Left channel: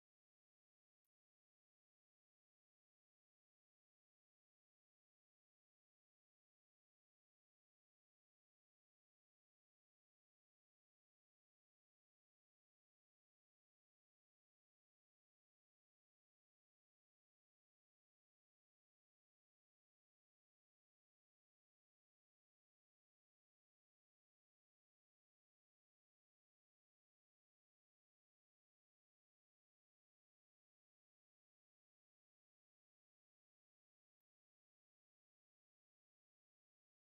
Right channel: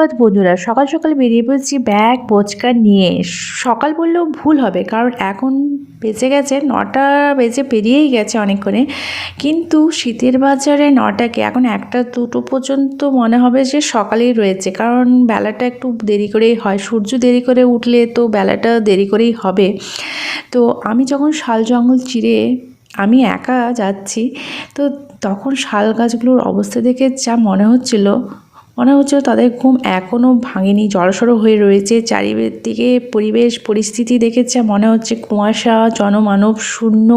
সুপ্রভাত বন্ধুরা। সকাল সকাল বেরিয়ে পড়েছি ব্যাগ, বোচকা নিয়ে। সকাল বললেও ভুল হবে, কারণ এখন বেজে গেছে, নটা বেজে পেরিয়েই গেছে অনেকক্ষণে। কিন্তু শীতের বাজারে নটাকে এখন একটা দুটো পর্যন্ত মনে হবে যে সকালেই রয়েছে, কারণ বেলাটা একটু দেরি করেই হয়। সূর্য দেরি করে উঠলে তো বেলাটা দেরি করেই হবে। তো আমি যখন শাল জঙ্গল চিরে আমি একা যাচ্ছি, তো তখন শাল গাছগুলোর অবস্থা দেখে যা মনে হচ্ছিল মনে হচ্ছিল তাদের ঘুম এখনও ভাঙেনি, জড়সড় হয়ে রয়েছে। চারিদিকে পরিবেশ, পরিস্থিতি দেখে যা মনে হচ্ছে কুয়াশা, জনমানব শূন্য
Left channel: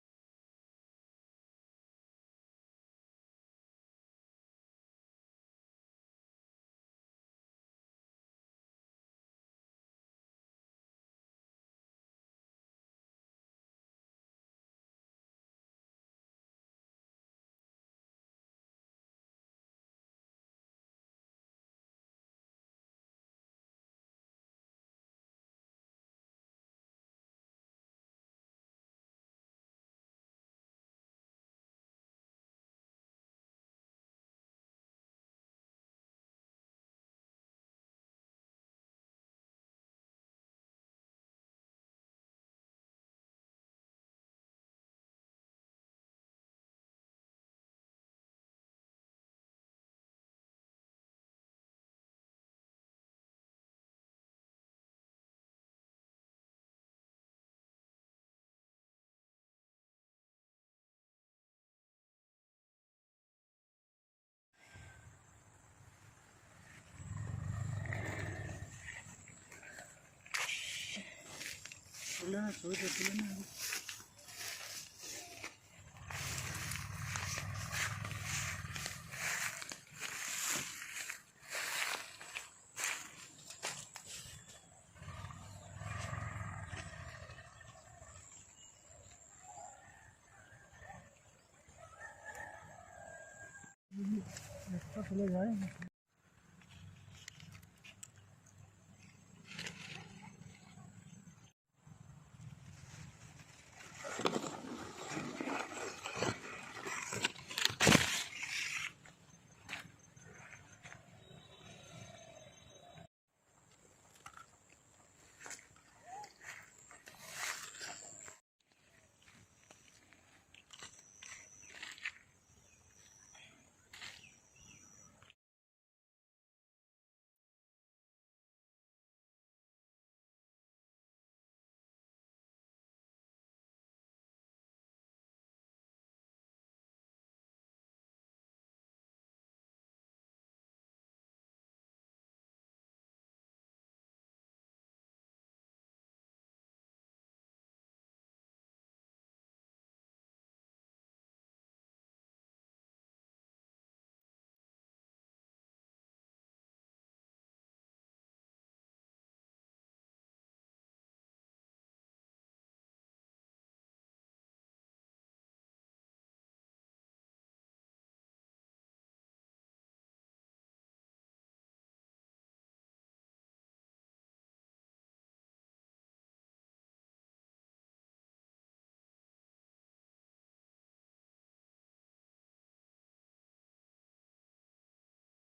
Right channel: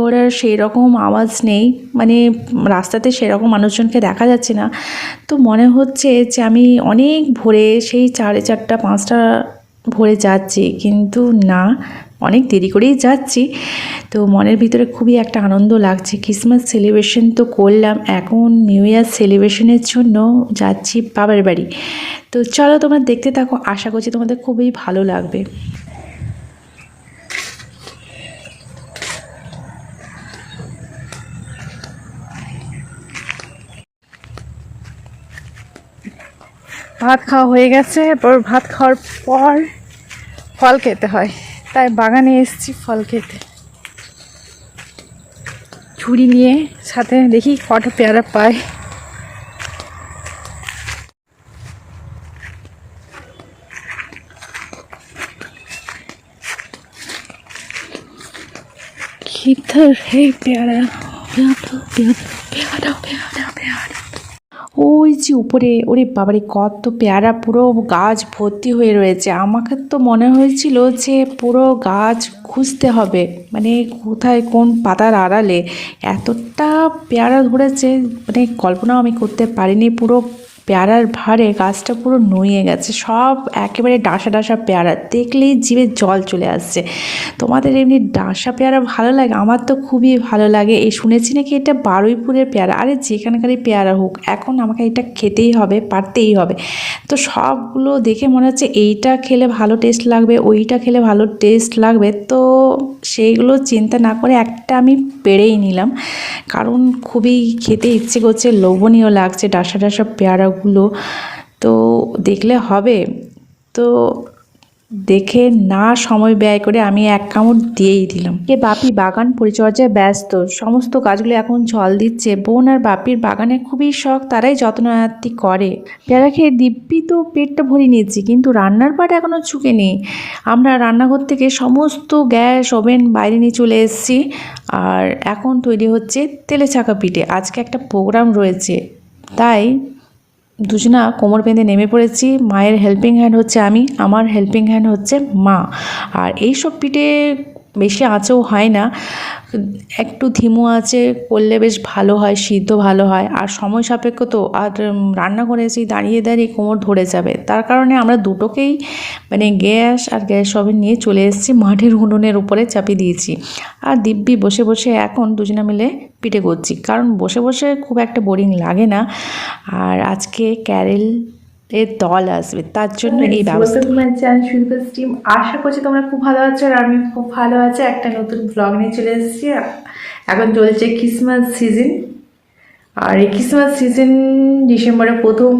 ঘোড়ার সেই রকম আওয়াজ নেই। মানে রাস্তাতে সেরকম মানুষজনকে দেখা যাচ্ছে না। তো মনে হচ্ছে যে আমি অনেক ভোরে সেই সাড়ে চারটা, পাঁচটা ভোরে যাচ্ছি, কিন্তু না। অনেক দেরি করেই যাচ্ছি। তো মনের ভিতরে খুবই একটা আনন্দ লাগছে। ক্রিসমাস সেলিব্রেশন তো করলাম। এখন নিউ ইয়ার সেলিব্রেশনের জন্য যাচ্ছি বাবার বাড়ি। তো চলো তোমরা দেখতে থাকো। আশা করছি তোমাদের খুবই ভালো লাগবে। ভাত খাওয়া হয়ে গেছে। এরপর ভাত খাওয়ার পর ফল খেতে হয়। তাই বাগানে এসেছি ফল খেতে ছুরি নিয়ে সাথে দেখি কটা পেয়ারা পাই किधर है प्यारा प्यारा प्यारा प्यारा प्यारा प्यारा ওই যে উপরে, ওরে বাবারে, কত পেয়ারা, পুরো গাছ ভর্তি হয়ে রয়েছে। আমাকে তো মনে হয়েছিল যে পুরো গাছ খুঁজতে হবে। মানে কোথায় কোন পাতার আড়ালে এতটা পেয়ারা ধরেছে মানে কল্পনাও আমি করতে পারিনি। পুরো পেয়ারার ভারে গাছটা পুরো নুয়ে গেছে। সব একেবারে ডাসা ডাসা পেয়ারা। দেখলেই জিভে জল চলে আসছে। তোমাদের এমনি ডাসা পেয়ারা ভালো লাগে? আমার তো খুবই ভালো লাগে। এই শুনেছি নাকি এটা বারুইপুরের পেয়ারা? আরে যেখানকারই পেয়ারা হোক, এখন আমাকে এটা খেতেই হবে, পারতেই হবে। তো সবগুলো দেখে মনে হচ্ছে এইটা খেলে ভালো টেস্ট লাগবে, ওইটা খেলে ভালো টেস্ট লাগবে। তো সেইগুলো চিন্তা না করে একটা আমি পেরেই নিলাম। কারণ খুবই খেতে ইচ্ছে করছে, লোভনীয় লাগছে, ডাসা ডাসা পেয়ারাগুলো তো দেখলে হবে। তো দেখে না সময় ব্যয় করে আমি এক কামড় দিয়েই দিলাম। এ বাপি বাগান পরিচর্যায় ব্যস্ত। সমস্ত গাছগুলো এখন জল দিচ্ছে। বোন আর বাপির বাগানে খুবই শখ, তারাই যত্নআত্তি করে। পেয়ারা খেয়ে দিব্যি তো পেটটা ভরে নিয়েছি, কিন্তু রান্নার পাট এখনও ঝুঁকেনি আমরা রান্নাঘর থেকে সমস্ত গ্যাস, ওভেন বাইরে নিয়ে চলে এসেছি। আর এখন তৈরি হচ্ছে তেলে ছাকা পিঠে। আজকে একটা প্রোগ্রাম রয়েছে। তাই দুজনা কোমর বেঁধে নেমে পড়েছি। মায়ের হেল্পিং হ্যান্ড হচ্ছে আমি, আমার হেল্পিং হ্যান্ড হচ্ছে মা। আর এই সব পিঠে বেশি আঁচেও হয় না। একটু ধিমু আছে, করলে বেশ ভালো হয়, সিদ্ধ ভালো হয়। আর সময় সাপেক্ষ তো, আর রান্না করে দাঁড়িয়ে দাঁড়িয়ে কোমর ধরে যাবে। তার কারণে আমরা দুটোকেই মানে গ্যাস আর গ্যাস ওভেন নিয়ে চলে এসেছি। মাটির উনুনের উপরে চাপিয়ে দিয়েছি। আর দিব্যি বসে বসে এখন দুজনে মিলে পিঠে করছি। কারণ বসে বসে খুব একটা বোরিং লাগে না। আর আজকে ক্যারেল এর দল আসবে তার জন্য এই ব্যবস্থা। তোমার চ্যানেল আশা করছি তোমরা খুব ভালো আছো আর আমি খুব ভালো আছি। একটা নতুন ব্লগ নিয়ে চলে এসেছি। এখন চলছে ক্রিসমাস সিজন আর এই ক্রিসমাস সিজন ডিসেম্বরের প্রথম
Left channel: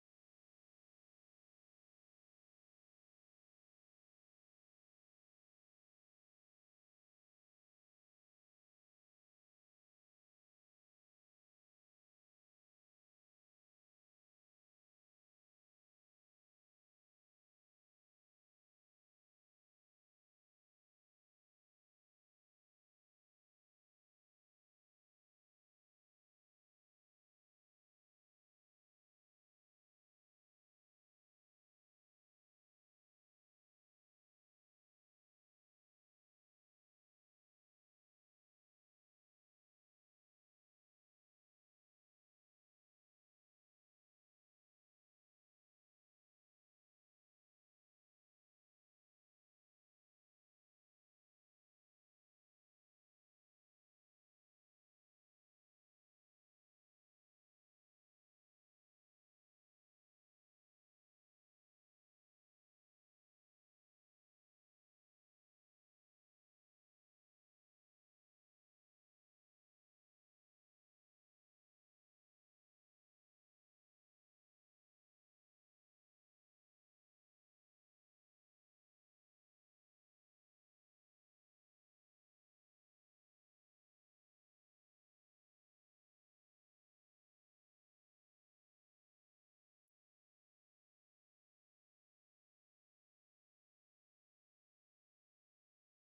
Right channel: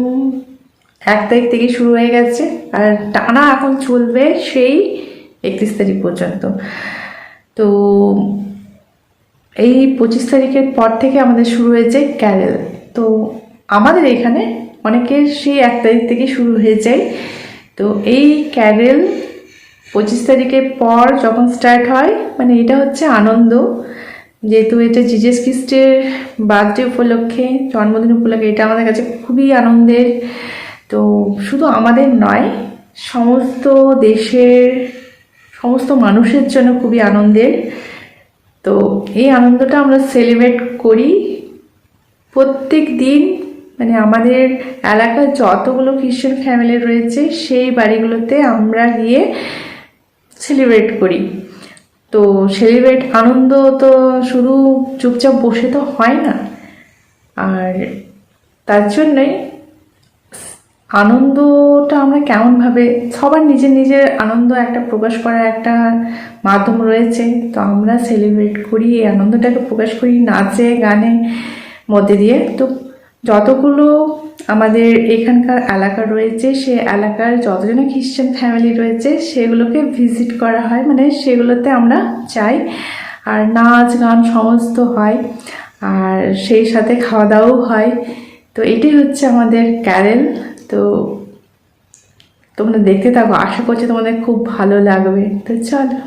এক তারিখ থেকে শুরু হয়ে গেছে। আর টানা এখন চলবে সেই একত্রিশ তারিখ পর্যন্ত। তো এই পঁচিশ তারিখের পর থেকে আমাদের শুরু হয়েছে ক্যারেল তো আমাদের এখানে অনেকের সেই এক তারিখ থেকে শুরু হয়ে যায়। তো এই ক্যারেল পঁচিশ তারিখের পর যখন স্টার্ট হয় মানে এটা হচ্ছে আনন্দ। যেহেতু এটা জিজেস খ্রিস্টের বার্থডে উপলক্ষে, জন্মদিন উপলক্ষে, এটা আমাদের কাছে খুবই আনন্দের। তো শুধু আমাদের নয়, সমস্ত দেশের, সমস্ত মানুষের জন্য খুবই আনন্দের। তো এই আনন্দটা আমরা সেলিব্রেট করি প্রত্যেক দিন মানে আমাদের এলাকার যতগুলো খ্রিশ্চান ফ্যামিলি রয়েছে, সেই বাড়িগুলোতে আমরা গিয়ে সেলিব্রেট করি। তো সেলিব্রেট আনন্দ তো শুধু চুপচাপ বসে তো হয় না। আর তার জন্যই আনন্দটা আমরা কেমনভাবে, সবার নিজের নিজের আনন্দ একটা প্রকাশ করার একটা মাধ্যম রয়েছে। তো আমরা সেলিব্রেট করি, এই আনন্দটাকে প্রকাশ করি নাচে, গানে মধ্যে দিয়ে। তো যতগুলো আমাদের এখানকার এলাকা রয়েছে, সে এলাকার যতজন খ্রিশ্চান ফ্যামিলি রয়েছে, সেগুলোকে ভিজিট করা হয়। মানে সেগুলোতে আমরা যাই আর নাচ, গান সমস্ত হয় আর সেই সাথে খাওয়া দাওয়াও হয়। তো এটাই হচ্ছে আমাদের ক্যারেল তো তোমরা দেখতে থাকো। আশা করছি তোমাদের খুব ভালো লাগবে। তো চলো।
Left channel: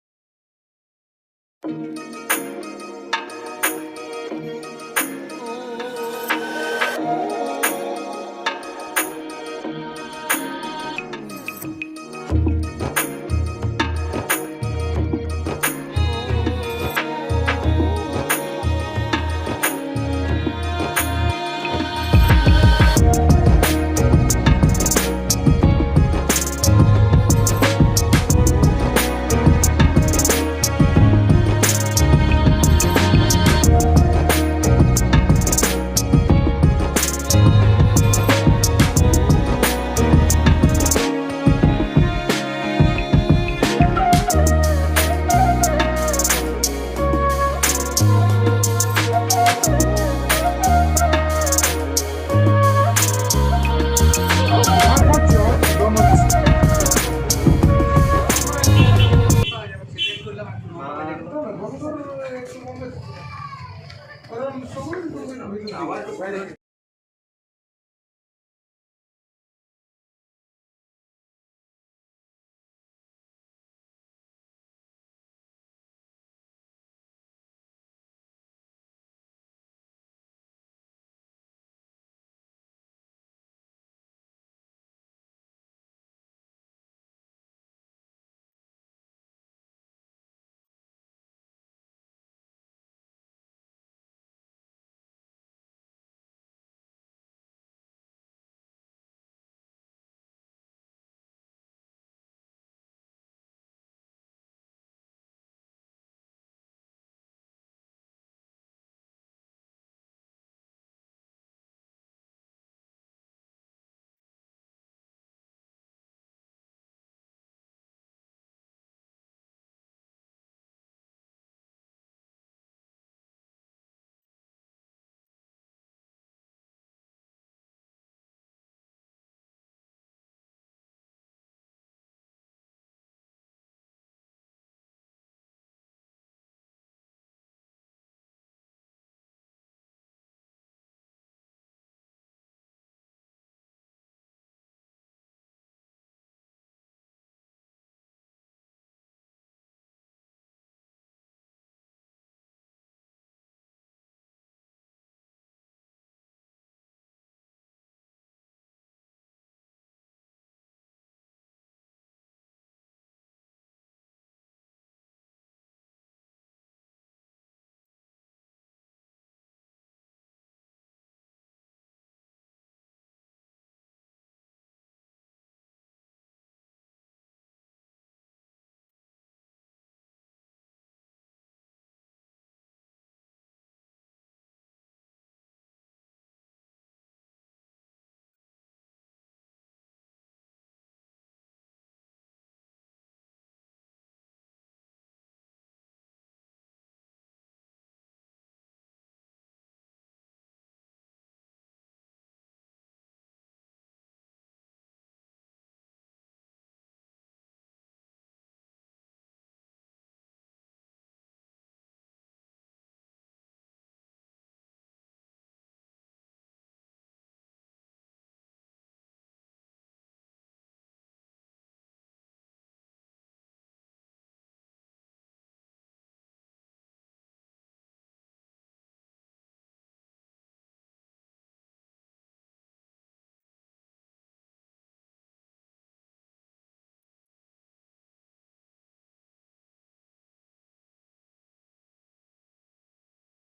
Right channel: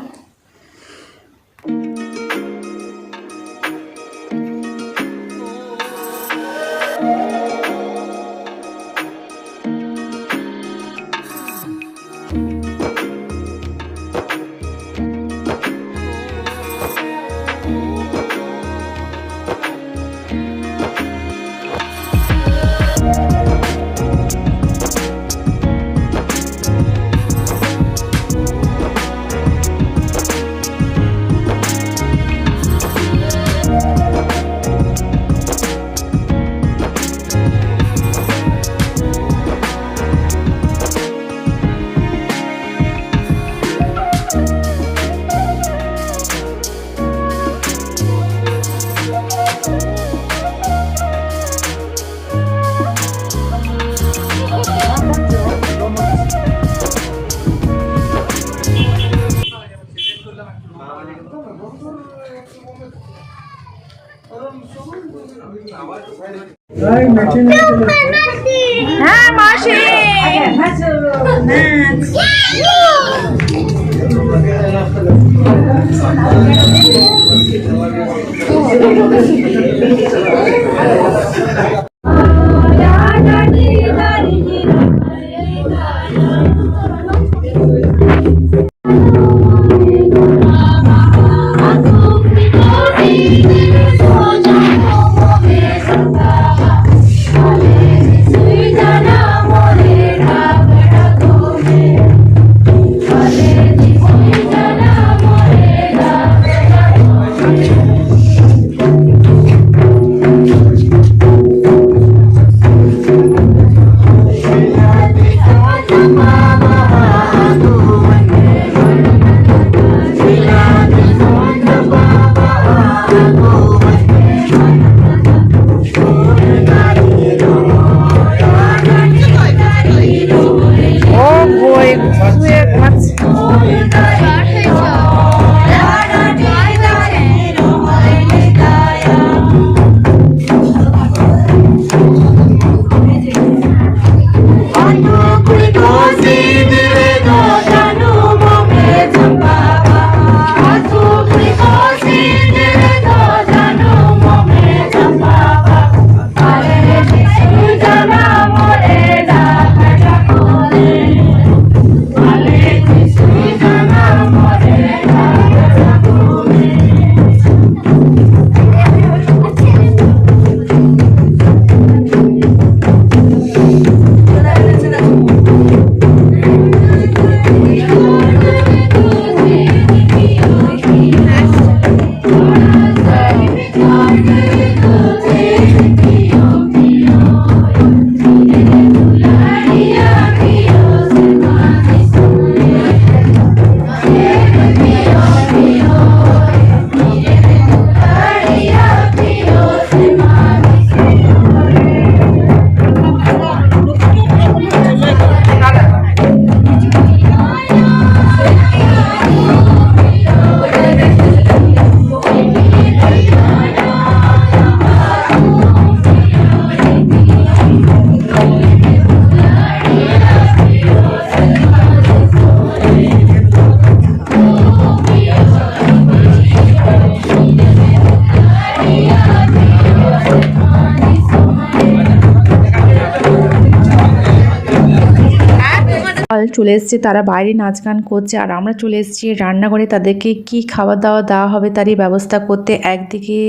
চলে এসছে, তারা বাইরে নাচ গান করছে আর আমরা চলে এসেছি রান্নাঘরে। তাদেরকে কি খাবার দাওয়া দেওয়া হবে তারই ব্যবস্থা করতে একদিকে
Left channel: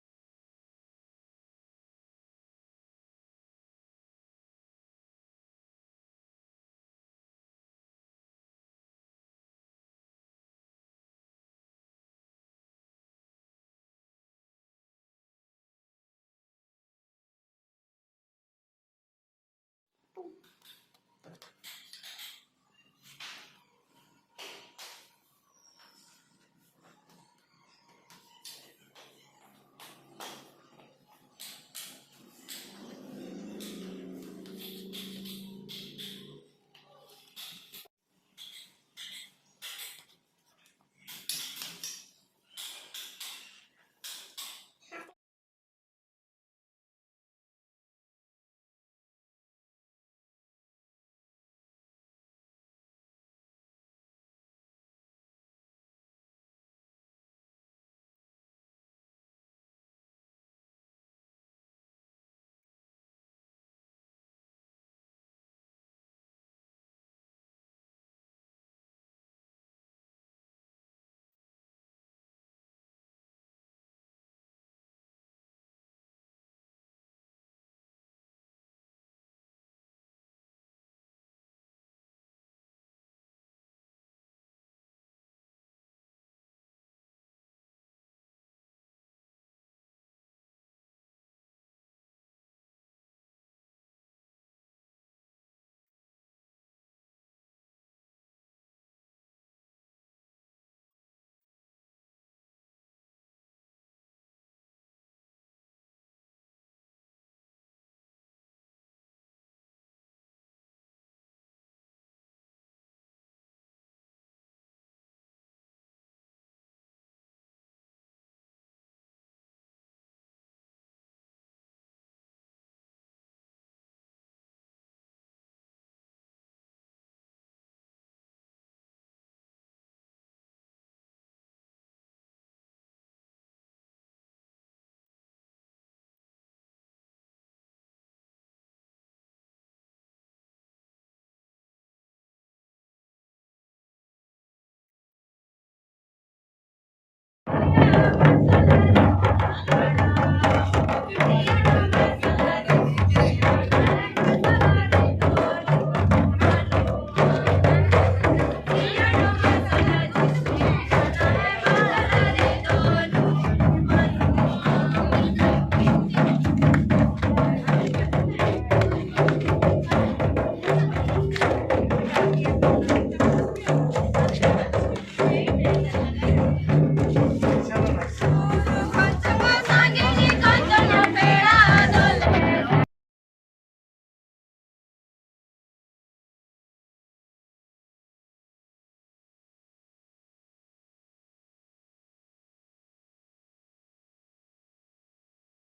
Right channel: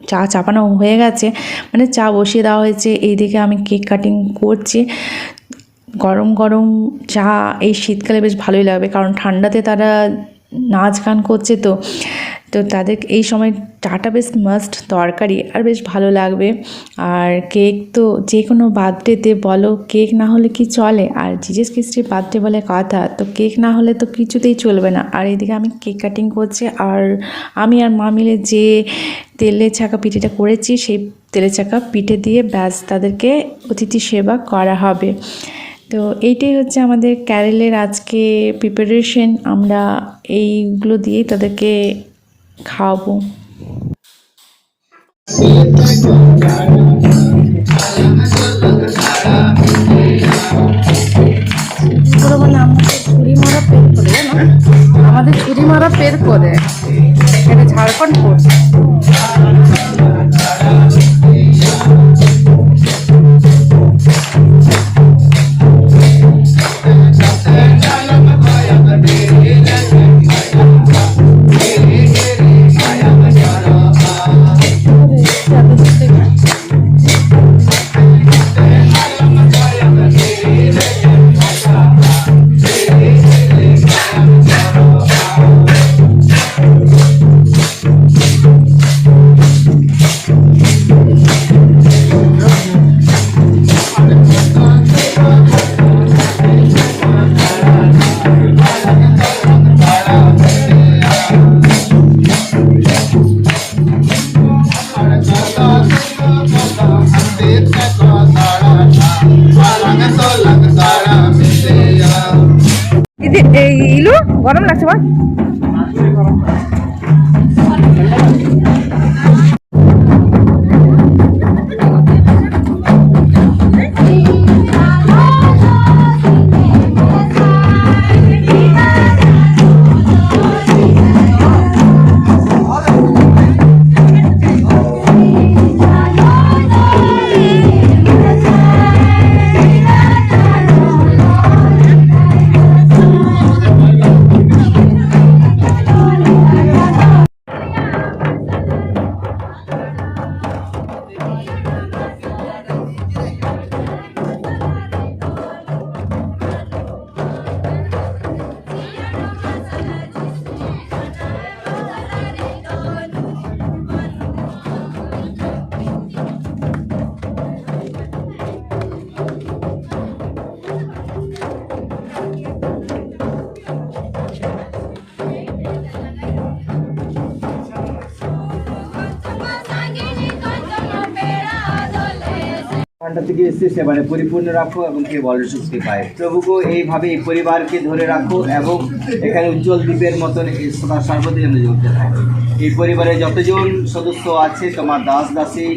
চা চাপানো হয়ে গেছে মানে চা বসিয়ে দেওয়া হয়েছে, এইদিকে আমি কেক কাটিং করছি। গরম গরম চা এই শীতকালে বেশ ভালোই লাগবে, কারণ ঠান্ডাতে তারা নাচ গান করছে তো। তো তাদের এই সময় চাটা বেশ মাস্ট তরকারি আর বেশ ভালো লাগবে। আর কেক তো যে কোনো বার্থডেতে বলো কেক না হলে কি চলে? আর জিজেস খ্রিস্টির বার্থডে বলে কথা, তো কেক না হলে তো কিছুতেই চলবে না। আর এদিকে আমি কেক কাটিং করছি, আর আমি আর মা মিলে যে তেলে ছাকা পিঠেটা করেছি, সেই তেলে চাকা পিঠে দিয়ে ব্যাস তাদেরকে অতিথি সেবা করা হবে। তো এইটাই হচ্ছে আমাদের ক্যারেলের আজকে প্রিপারেশন আমরা এইগুলো দিয়েই তাদেরকে খাওয়াবো। আমাদের ছুরি মারা পের করে। এটা ঝাড়খণ্ড পড়ছে ঠান্ডা থেকে এসছে সেবারে পরিপূর্ণ রাখো এবং কে বলে সুস্থি পায়। প্রভুকে এইভাবে এই পরিবারকে ধরে রাখো এবং এখানে উজ্জ্বল দ্বীপের মতন সর্বদাই যেন জ্বলতে থাকে। এই পরিবারে যতজন সদস্য আছে, তোমার দাস দাসী,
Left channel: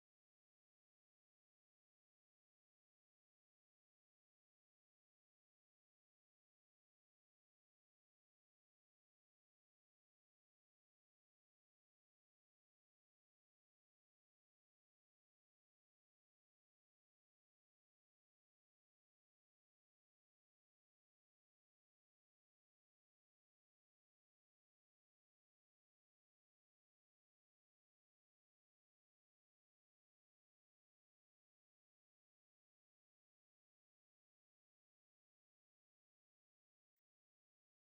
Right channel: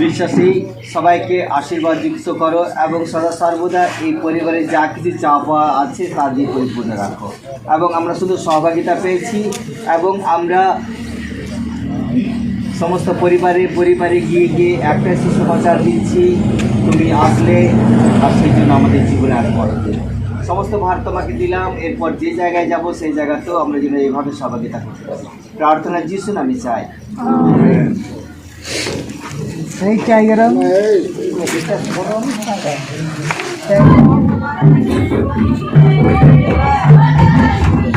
বিশ্বাসী, সবাইকে আশীর্বাদ যুক্ত করো এবং সদা সর্বদা এই পরিবারে যা কিছু চাপা আছে, তা দিয়ে পরিপূর্ণ রাখো। এবং আমরা শুধু সহভাগিতা পেয়েছি এবং আমরা সমস্ত পরিবারে পরিবারে গিয়ে গিয়ে একটাই সুসমাচার দিচ্ছি। তুমি আসলে আর সেই জন্য আমাদের জীবনে আর বড় সমস্ত ভার তোমাকে দিলাম এরপর যে জায়গায় যাব সেই জায়গাতেও আমরা যেন এইভাবে সহযোগিতা করতে পারি। প্রার্থনা যিশু আমি চাই। Thank you.